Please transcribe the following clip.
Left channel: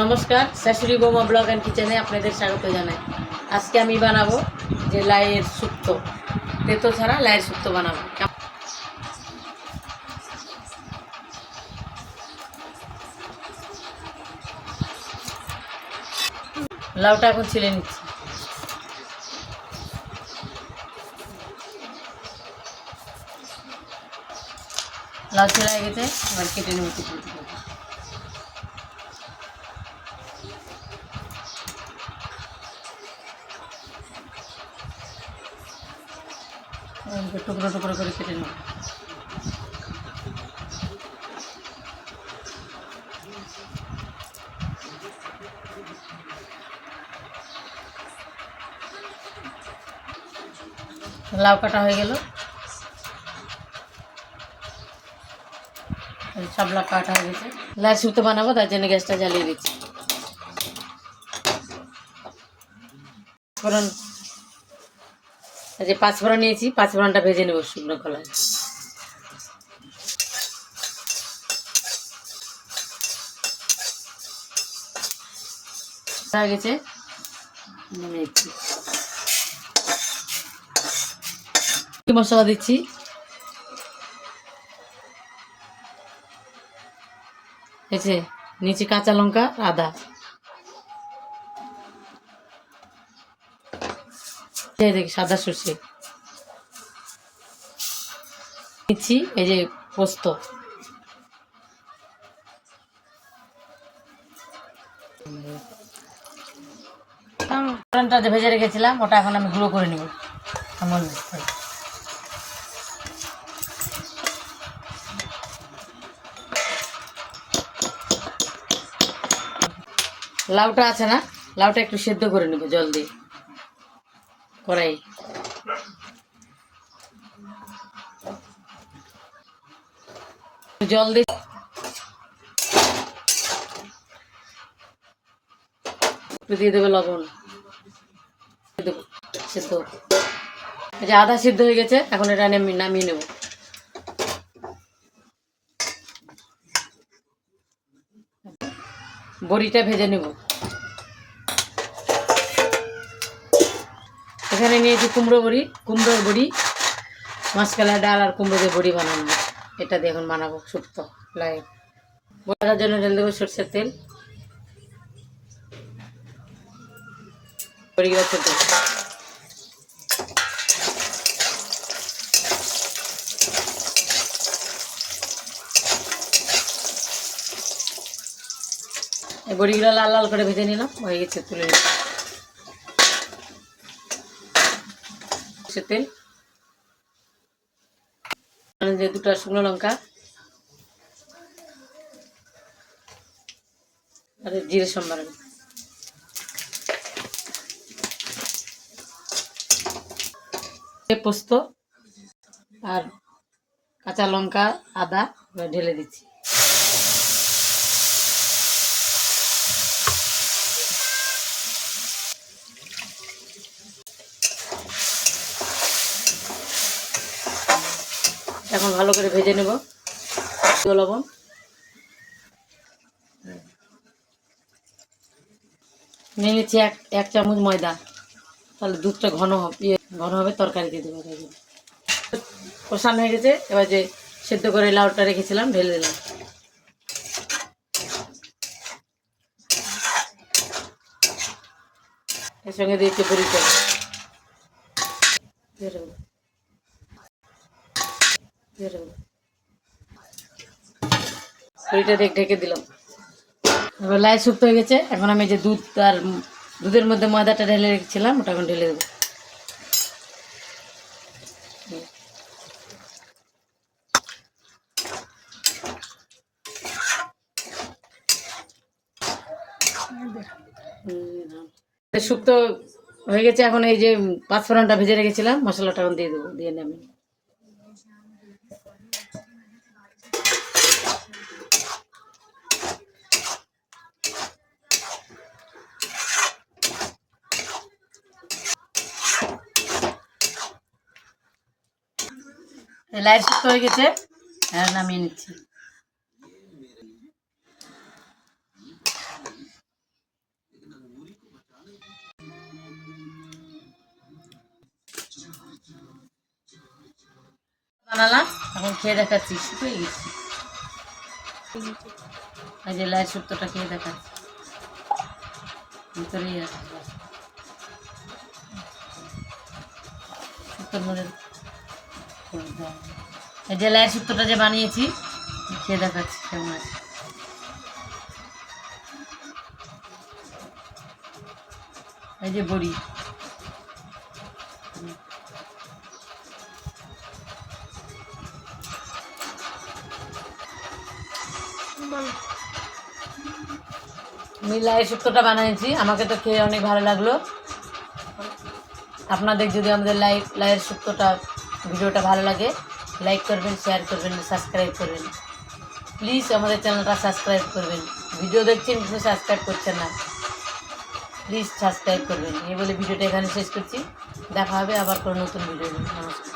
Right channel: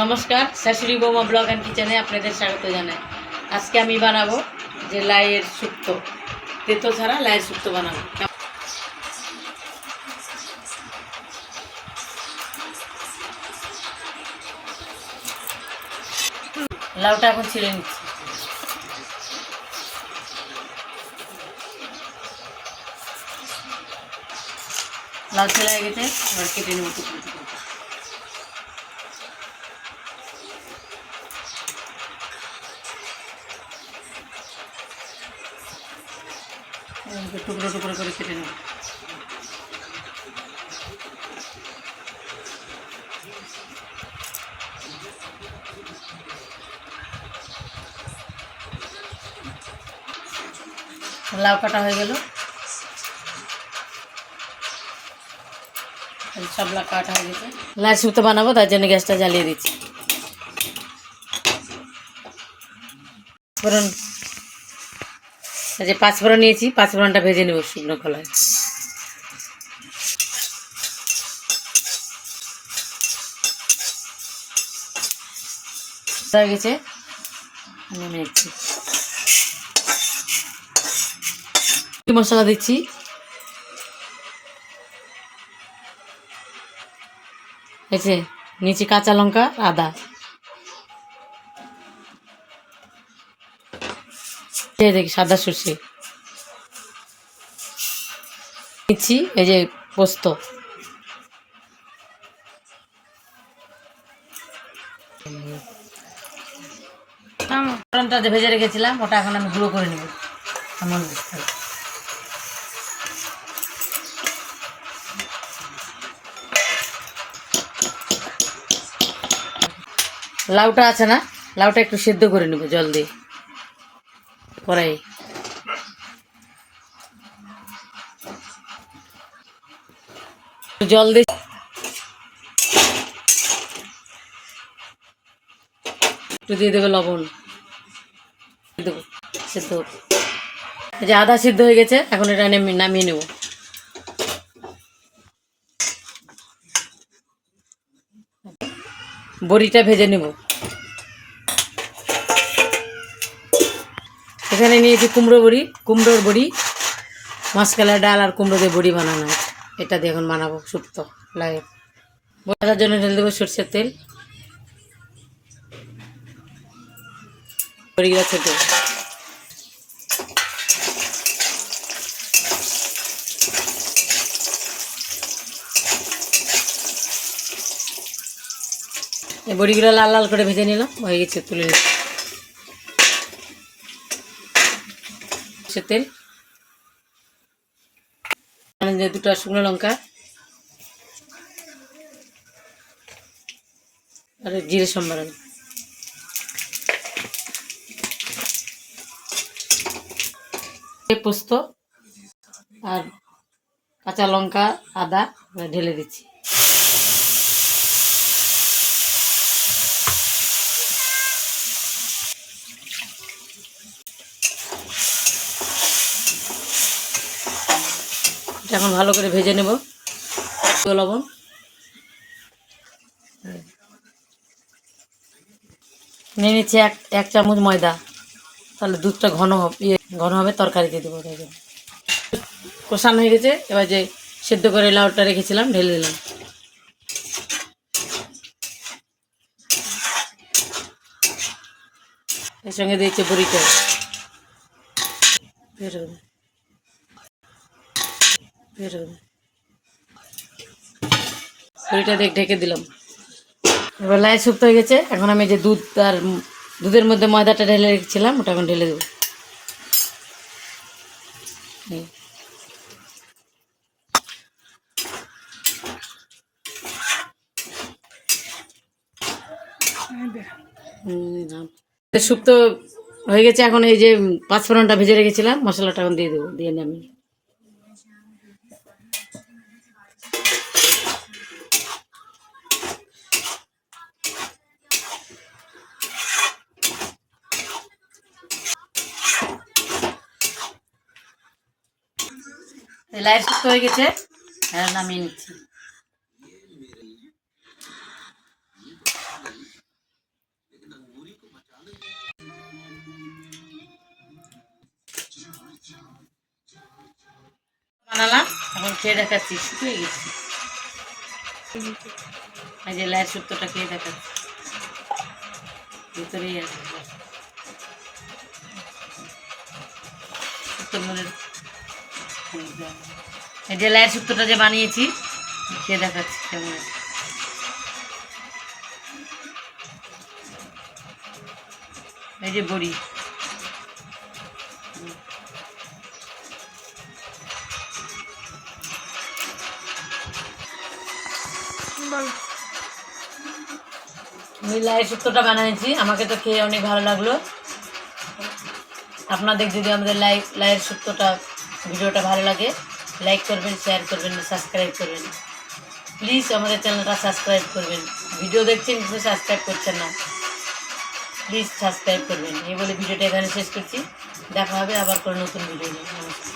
নমস্কার, শাশুড়ি বৌমা ব্লগ অ্যান্ড কিচেনে আপনাদের স্বাগত জানাই। আজকে আমি বানাবো যে লাইয়ের শুক্তো, তেতো ছাড়া লাইয়ের শুক্তো বানাবো। লাউটা এখন ছিলে নিচ্ছি। লাউ ছেলে হয়ে গেছে, এবার কেটে নেবো টুকরো টুকরো। টুকরো টুকরো করে কেটে নেব। লাউ কাটা হয়ে গেল, সব লাউ কাটা হয়ে গেছে। লাইয়ের শুক্তো বানাবো, তার জন্য গ্যাসটা জ্বালিয়ে দিচ্ছি। ফোড়ন, যে পাঁচফোড়ন নিয়েছি, পাঁচফোড়নটা ভেজে নেব শুকনো খোলায়। হয়ে গেছে, মশলা দিচ্ছি। এসে নিচে কাঁচা লঙ্কা, আদা দেখি, সাদা সর্ষে দিচ্ছি। এই যে পোস্ত, ফোড়নটা যে ভেজে রেখেছিলাম ওটা এখন আমি গুঁড়ো করে নেব। লাউটা আছে না, লাউটা একটু সেদ্ধ করে নেব জল দিয়ে কড়াই। জল দিয়ে একটু দিয়ে দেবে লবণ, দেবো সেদ্ধ। এই যে আধা সিদ্ধ হয়ে গেছে, এখন এটা নামিয়ে নেব। বড়িটা ভেজে নেব। এখানে নিয়েছি কুমড়োর বড়ি, মাসকালের ডাল আর কুমড়ো দিয়ে বড়ি বানানো। এটা দিয়ে এখন বানাবো শুক্তো লাই। ভাজার জন্য ঢেলে দেবো সরষের তেল, বড়িগুলো ছোট। এই বড়িগুলো লাল লাল করে ভেজে নিলাম, হয়ে গেছে, তুলে নিলাম। সরষের তেল, দুটো শুকনো লঙ্কা আর জিরে সম্বারণ, পোস্ত আর কাঁচা লঙ্কা, আদা ঢেলে দিচ্ছি। এখন ভালো করে ভেজে নেব। লবণ, নিয়ে নিচ্ছি এক চামচ ময়দা, তাহলে দুধটা ঘন হবে, তরকারিতে দেবো। কষানো হয়ে গেছে, এবার যে সেদ্ধ করে লাউটা রেখেছিলাম ঢেলে দিলাম। এর সঙ্গে দিয়েছি বড়িটা, বড়িটা দিয়ে ঢেকে দিলাম। এবার লাই শুক্তো হয়ে গেছে, এখন আমি যে দুধের মধ্যে ময়দাটা ঢেলে রেখেছিলাম ওটা এখন ঢেলে দেবো। শুক্তো হয়ে গেছে, এখন এই যে পাঁচফোড়নটা ভেজে রেখেছিলাম মশলাটা এখন দিয়ে দেবো, দিয়ে নামি। লাইট শুক্তো হয়ে গেছে, নামিয়ে নিচ্ছি। বানালাম, এখন খেয়ে দেখাচ্ছি। শুকিয়ে গেছি। এই যে লাইয়ের শুক্তোটা খেয়ে দেখাচ্ছি, ভিতরেই আছে শুক্তোর মধ্যে। এই যে লাইয়ের শুক্তোটা যে বানিয়েছি, খেয়ে দেখাচ্ছি কেমন আছে। এই যে বড়ি, আমি লাইয়ের শুক্তোটা বানিয়েছি, আমাকে তো খেয়ে অনেক ভালো লাগলো। আপনাদের যদি আমাদের লাইয়ের শুক্তোটা ভিডিওটা ভালো লাগে, লাইক করবেন, শেয়ার করবেন, সাবস্ক্রাইব করবেন। প্লিজ আমাদের চ্যানেলটা সাবস্ক্রাইব করবেন। ভিডিও দেখছেন কিন্তু সাবস্ক্রাইব করছেন না, প্লিজ সাবস্ক্রাইব করবেন। এই বলে ভিডিওটা এখানে শেষ করছি। দেখা হবে আবার কোনো নতুন ভিডিও নিয়ে। নমস্কার।